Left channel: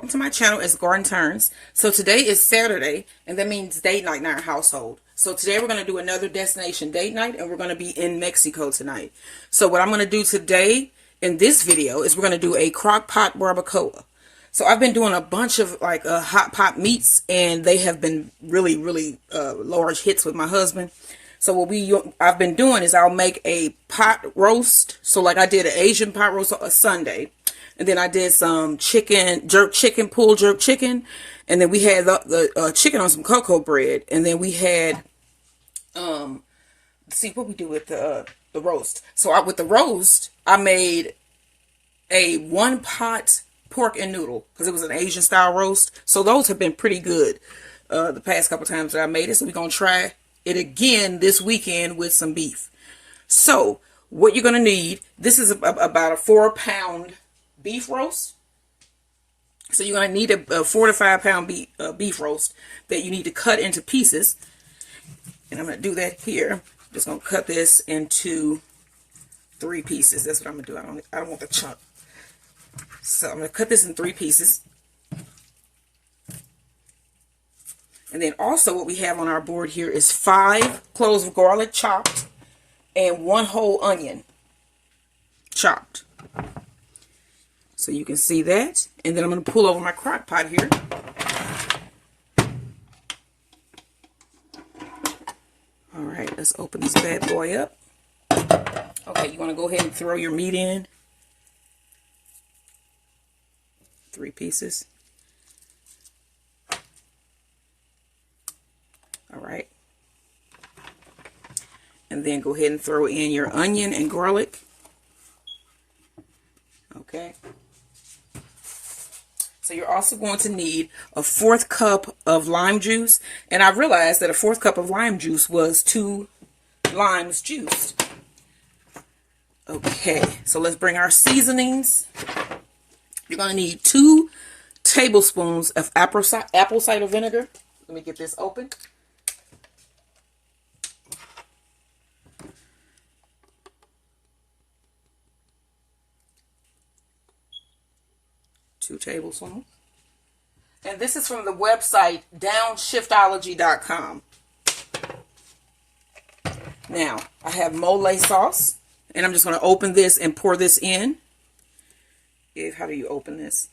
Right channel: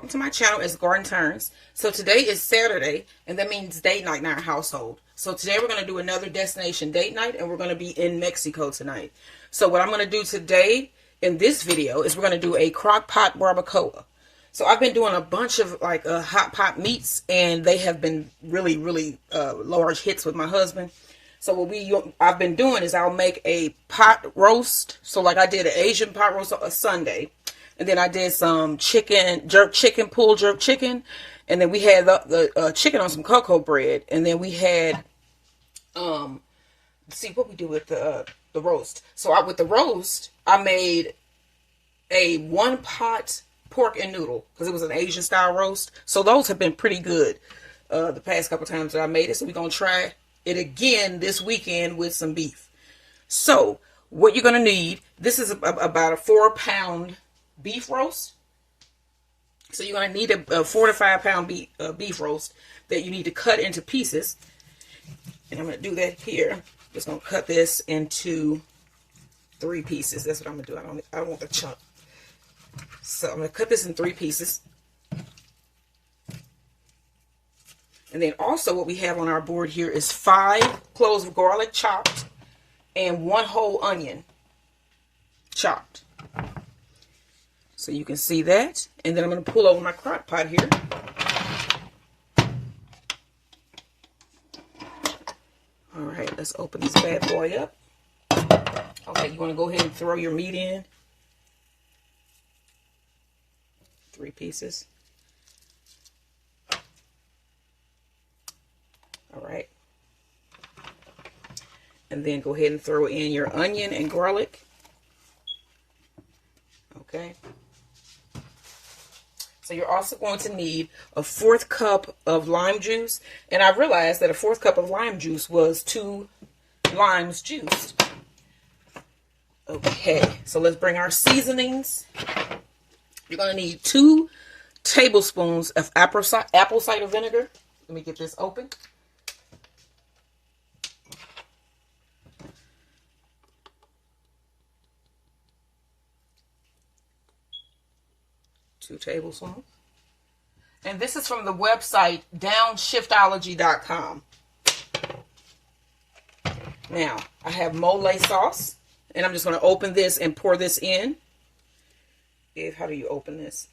welcome to my channel. It's Garden Turns. So today is Saturday, and that means date night in our household. So today we're going to do another destination date night, and we're going to be in Mexico tonight. So what I'm going to do today in this video is we're going to do a crock pot barbacoa. So I've been doing a bunch of like hot pot meats, and they have been really large hits with my husband. So what I've been doing is I'll make a pot roast. So like I did an Asian pot roast on a Sunday. And then I did some chicken, pulled jerk chicken. And then we had the chicken on some cocoa bread. And then we had, see what we do with the roast. So with the roast, I made a one pot pork and noodle because it was an Asian style roast. So those have been pretty good the past couple times that I made it. So we're going to try it again this weekend with some beef. So what you're going to need, this is about a 4-pound beef roast. So you're going to need a 4 to 5 pound beef roast that you need to cut into pieces. And I'm going to do that here. I'm just going to cut this into 3 pieces. That's what I'm going to do. I don't want the chunk. So I'm going to cut this in 3 pieces. And then also what we have on our board here is 5 cloves of garlic chopped and 1 whole onion chopped. So you can see that. And then I'm going to pull over my crock pot here. All right, let's open this bad boy up. Okay, you want to go ahead and throw your meat in. 3 pieces. All right. And then go ahead and throw in your onion and garlic. Okay. So you're also going to need a 1/4 cup of lime juice. And I realized that a 1/4 cup of lime juice was 2 limes juiced. Okay, so let's bring our seasonings. You're going to need 2 tablespoons of apple cider vinegar. Let me get this open. Two tablespoons. And this is from the website downshiftology.com. Now, I have mole sauce, and I'm just going to open this and pour this in. How do you open this?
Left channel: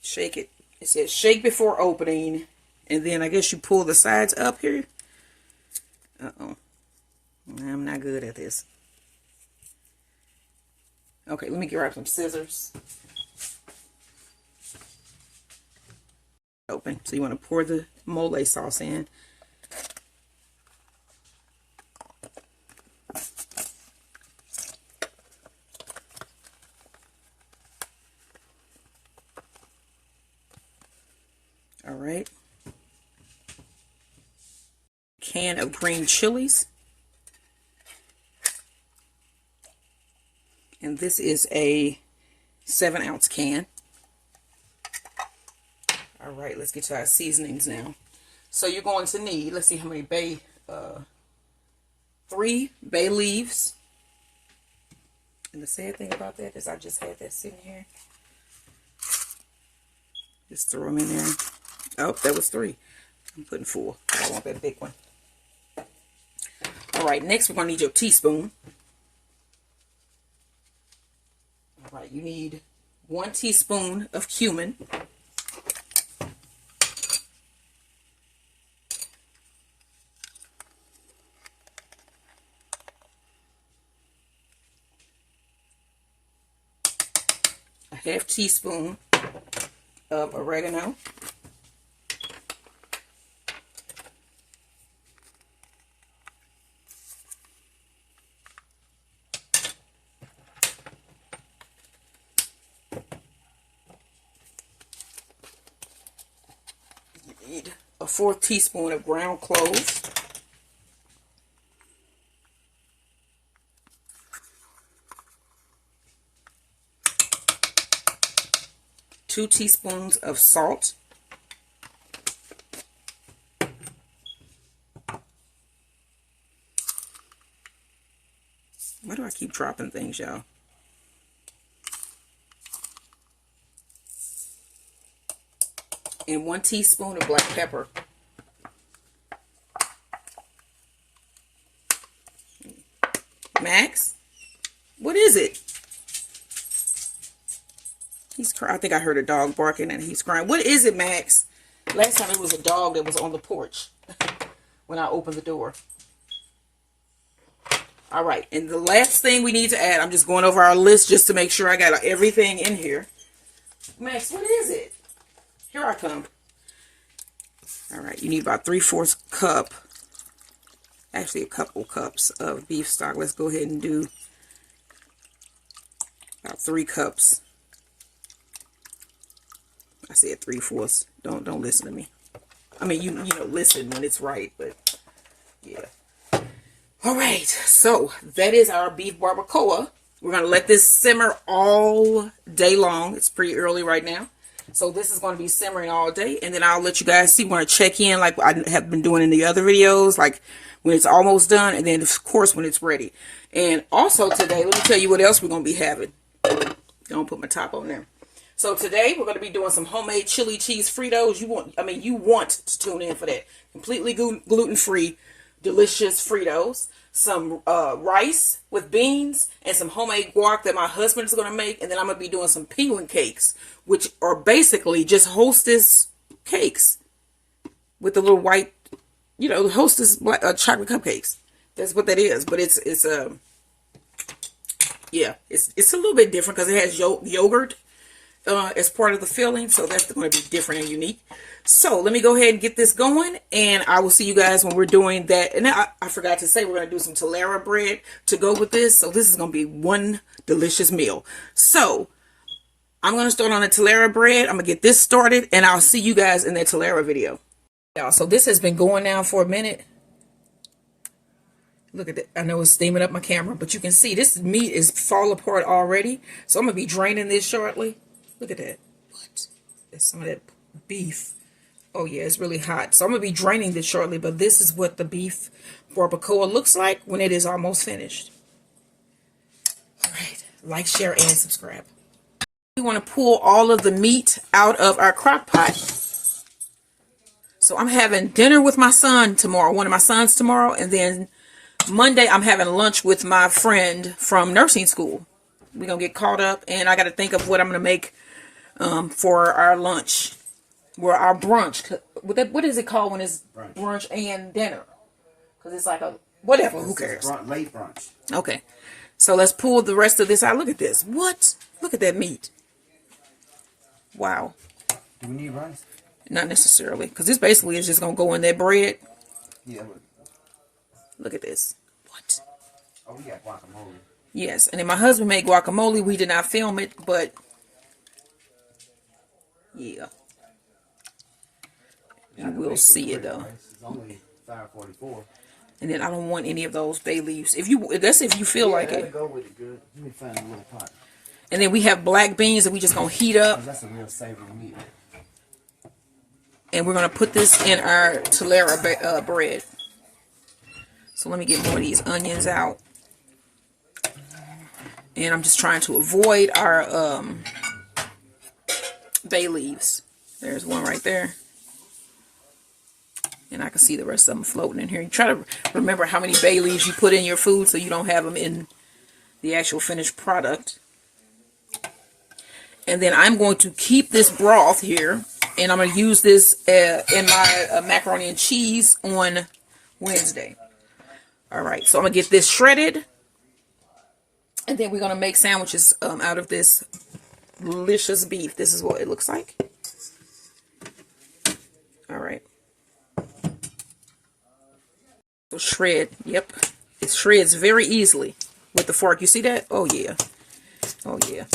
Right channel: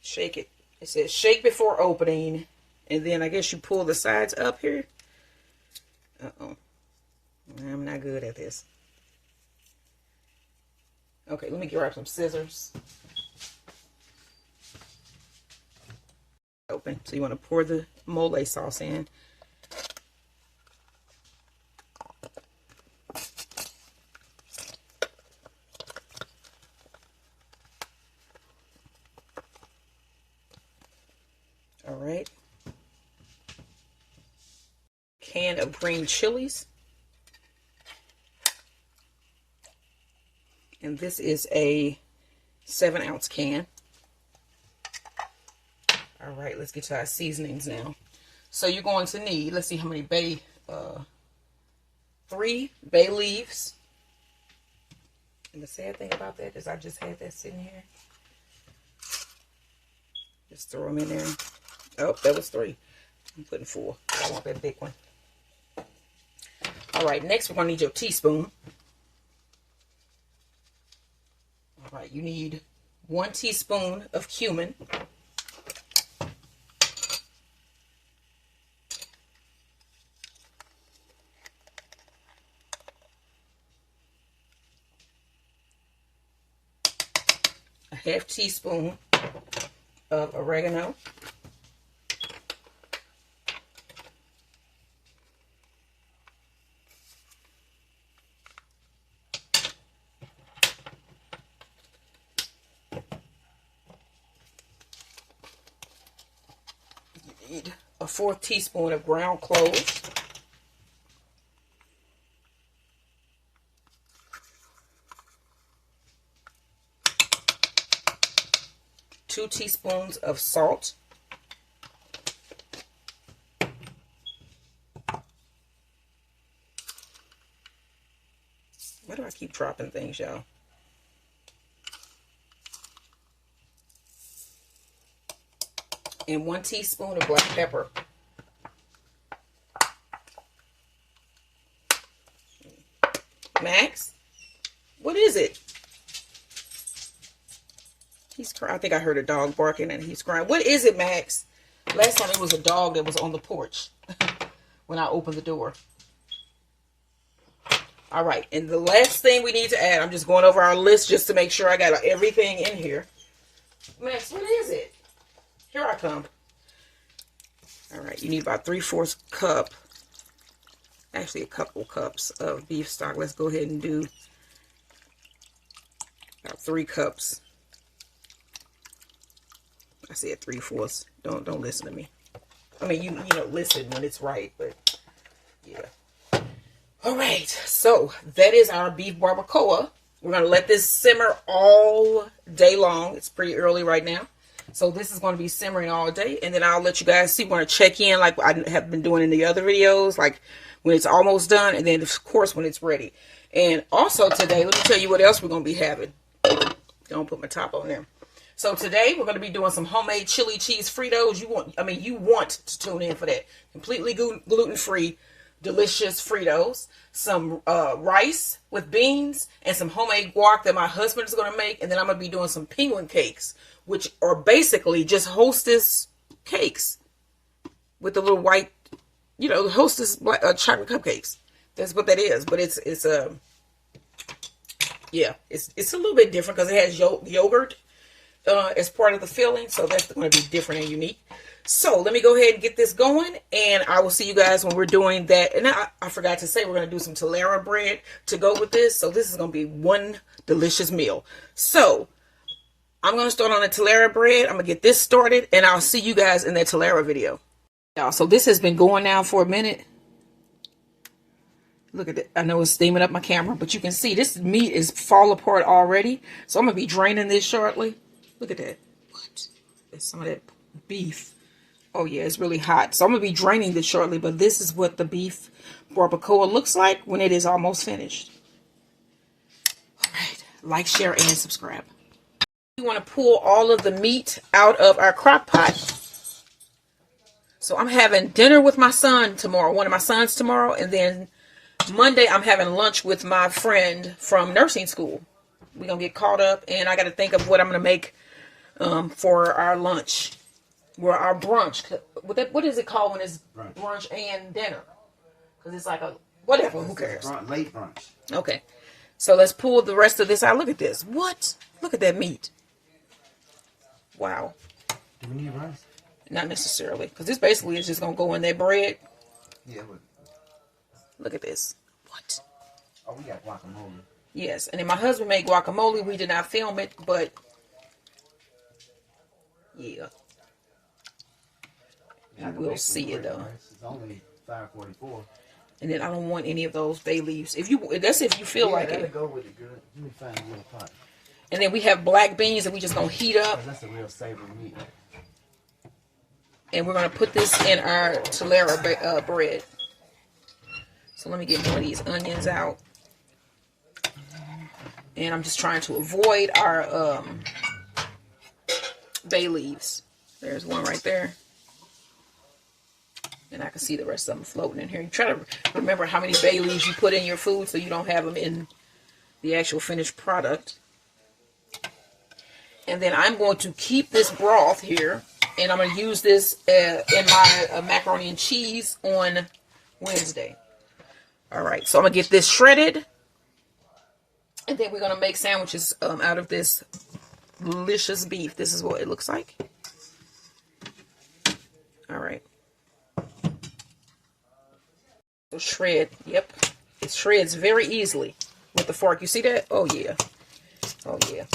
Shake it. It says shake before opening, and then I guess you pull the sides up here. Uh-oh. I'm not good at this. Okay, let me grab some scissors. Open. So you want to pour the mole sauce in. All right. Can of green chilies. And this is a 7-ounce can. All right, let's get to our seasonings now. So you're going to need, let's see how many 3 bay leaves. And the sad thing about that is I just had that sitting here. Just throw them in there. Oh, that was 3. I'm putting 4. I want that big one. All right, next we're going to need your teaspoon. All right, you need 1 teaspoon of cumin. A 1/2 teaspoon of oregano. Need a 4th teaspoon of ground cloves. 2 teaspoons of salt. Why do I keep dropping things, y'all? and 1 teaspoon of black pepper. Max, what is it? He's crying. I think I heard a dog barking and he's crying. What is it, Max? Last time it was a dog that was on the porch when I opened the door. All right, and the last thing we need to add, I'm just going over our list just to make sure I got everything in here. Max, what is it? Here I come. All right, you need about 3/4 cup, actually a couple cups of beef stock. Let's go ahead and do about 3 cups. I said 3/4. Don't listen to me. I mean, you know, listen when it's right, but yeah. All right, so that is our beef barbacoa. We're going to let this simmer all day long. It's pretty early right now. So this is going to be simmering all day. And then I'll let you guys see. We're going to check in like I have been doing in the other videos. Like when it's almost done. And then, of course, when it's ready. And also today, let me tell you what else we're going to be having. Don't put my top on there. So today, we're going to be doing some homemade chili cheese Fritos. You want to tune in for that. Completely gluten-free, delicious Fritos. Some rice with beans and some homemade guac that my husband is going to make. And then I'm going to be doing some penguin cakes, which are basically just Hostess cakes with the little white, you know, Hostess chocolate cupcakes. That's what that is. But it's a little bit different because it has yogurt as part of the filling. So that's going to be different and unique. So let me go ahead and get this going, and I will see you guys when we're doing that. And I forgot to say we're going to do some Telera bread to go with this. So this is going to be one delicious meal. So I'm going to start on the Telera bread. I'm going to get this started, and I'll see you guys in that Telera video. So this has been going now for a minute. Look at it. I know it's steaming up my camera, but you can see this meat is fall apart already. So I'm going to be draining this shortly. Look at that. What? There's some of that beef. Oh yeah, it's really hot. So I'm going to be draining this shortly, but this is what the beef barbacoa looks like when it is almost finished. All right, like, share, and subscribe. We want to pull all of the meat out of our crock pot. So I'm having dinner with my son tomorrow, one of my sons tomorrow, and then Monday I'm having lunch with my friend from nursing school. We're going to get caught up, and I got to think of what I'm going to make for our lunch. Well, our brunch. What is it called when it's brunch and dinner? Because it's like a, whatever, who cares? Late brunch. Okay. So let's pull the rest of this out. Look at this. What? Look at that meat. Wow. Do we need rice? Not necessarily. Because this basically is just going to go in that bread. Yeah. Look at this. What? Oh, we got guacamole. Yes. And then my husband made guacamole. We did not film it, but yeah. You will see it though. It's only $5.44. And then I don't want any of those bay leaves. If you feel like it. Go with it good. Let me find a little pot. And then we have black beans that we just gonna heat up. That's a real savory meat. And we're gonna put this in our Telera bread. So let me get one of these onions out. And I'm just trying to avoid our bay leaves. There's one right there. And I can see the rest of them floating in here. You try to remember how many bay leaves you put in your food so you don't have them in the actual finished product. And then I'm going to keep this broth here. And I'm going to use this in my macaroni and cheese on Wednesday. All right. So I'm going to get this shredded. And then we're going to make sandwiches out of this delicious beef. This is what it looks like. All right. So shred, yep, it shreds very easily with the fork. You see that? Oh yeah, oh yeah.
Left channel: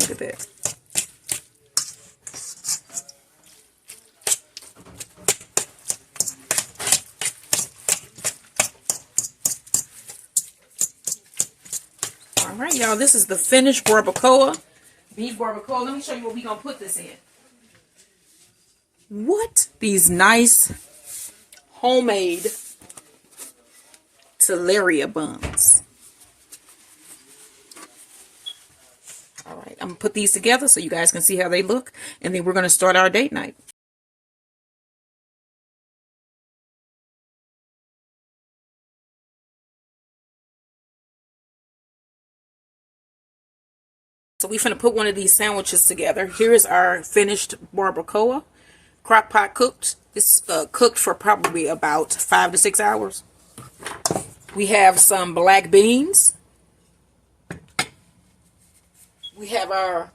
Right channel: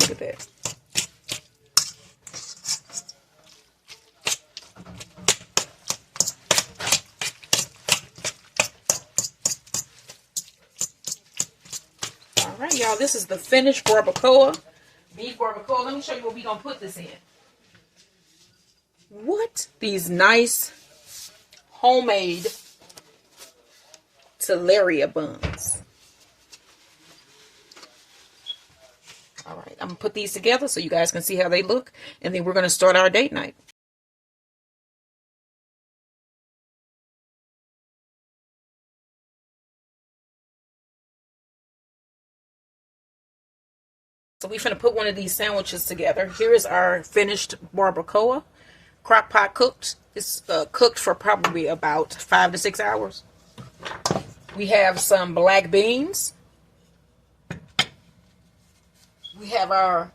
Look at that. All right, y'all. This is the finished barbacoa, beef barbacoa. Let me show you what we're gonna put this in. What? These nice homemade Telera buns. All right. I'm going to put these together so you guys can see how they look. And then we're going to start our date night. So we finna put one of these sandwiches together. Here is our finished barbacoa, crockpot cooked. It's cooked for probably about 5 to 6 hours. We have some black beans. We have our,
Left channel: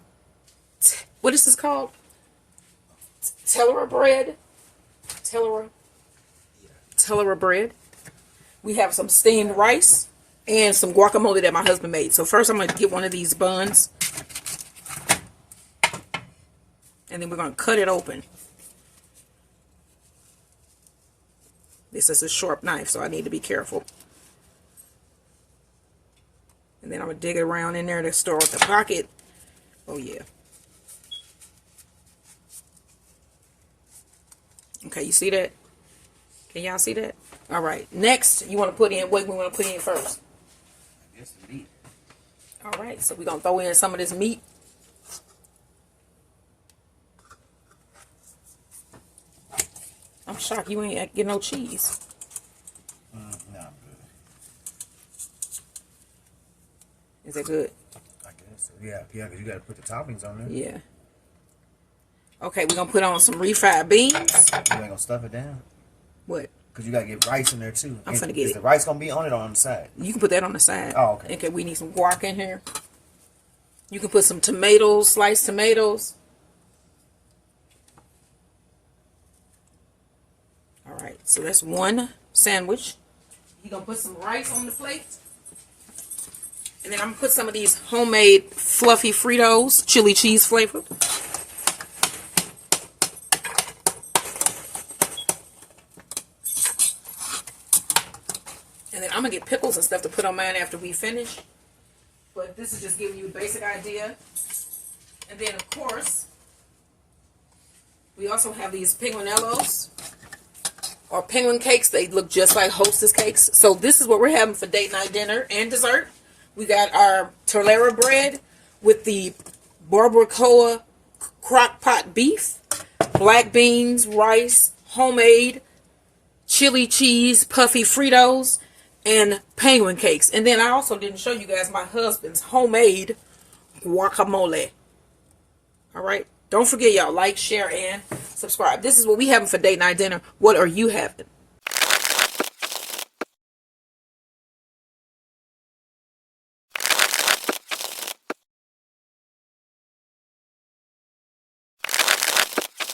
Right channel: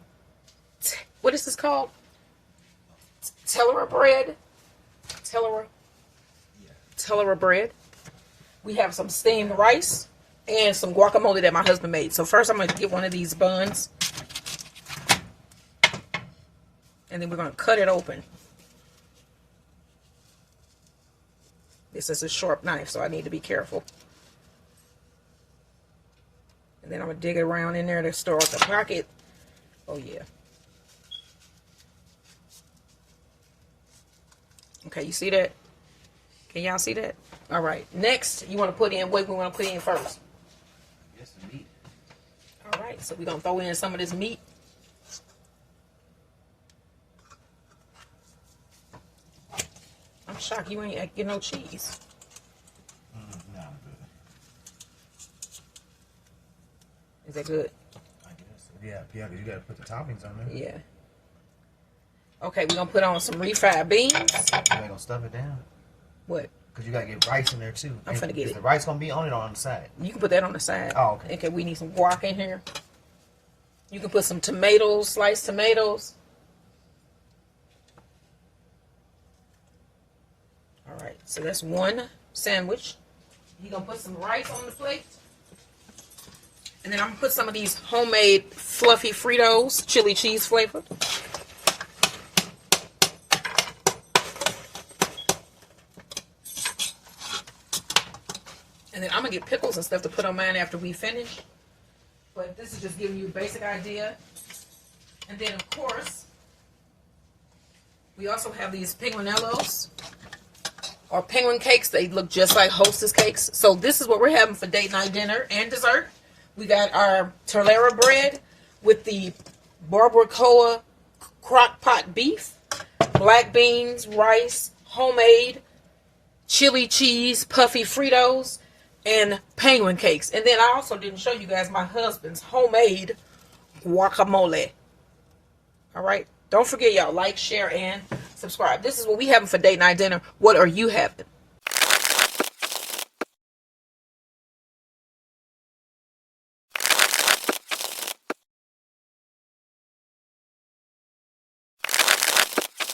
what is this called? Tellera bread. Tellera bread. We have some steamed rice and some guacamole that my husband made. So first I'm going to get one of these buns. And then we're going to cut it open. This is a sharp knife, so I need to be careful. And then I'm going to dig it around in there to start the pocket. Oh, yeah. Okay, you see that? Can y'all see that? All right. Next, you want to put in, what we want to put in first? I guess the meat. All right, so we're going to throw in some of this meat. I'm shocked you ain't get no cheese. No, I'm good. Is that good? I guess. Yeah, because you got to put the toppings on there. Yeah. Okay, we're going to put on some refried beans. You ain't going to stuff it down? What? Because you got to get rice in there, too. I'm finna get Is it. the rice going to be on it or on the side? You can put that on the side. Oh, okay. Okay, we need some guac in here. You can put some tomatoes, sliced tomatoes. All right, so that's one sandwich. You're going to put some rice on the plate. And then I'm going to put some of these homemade fluffy Fritos, chili cheese flavored. And then I'm going to get pickles and stuff to put on mine after we finish. But this is just giving you a basic idea. And then, of course, we also have these penguinellos or penguin cakes. They look just like Hostess cakes. So this is what we're having for date night dinner and dessert. We got our Tellera bread with the barbacoa crockpot beef, black beans, rice, homemade, chili cheese, puffy Fritos, and penguin cakes. And then I also didn't show you guys my husband's homemade guacamole. All right. Don't forget, y'all, like, share, and subscribe. This is what we having for date night dinner. What are you having?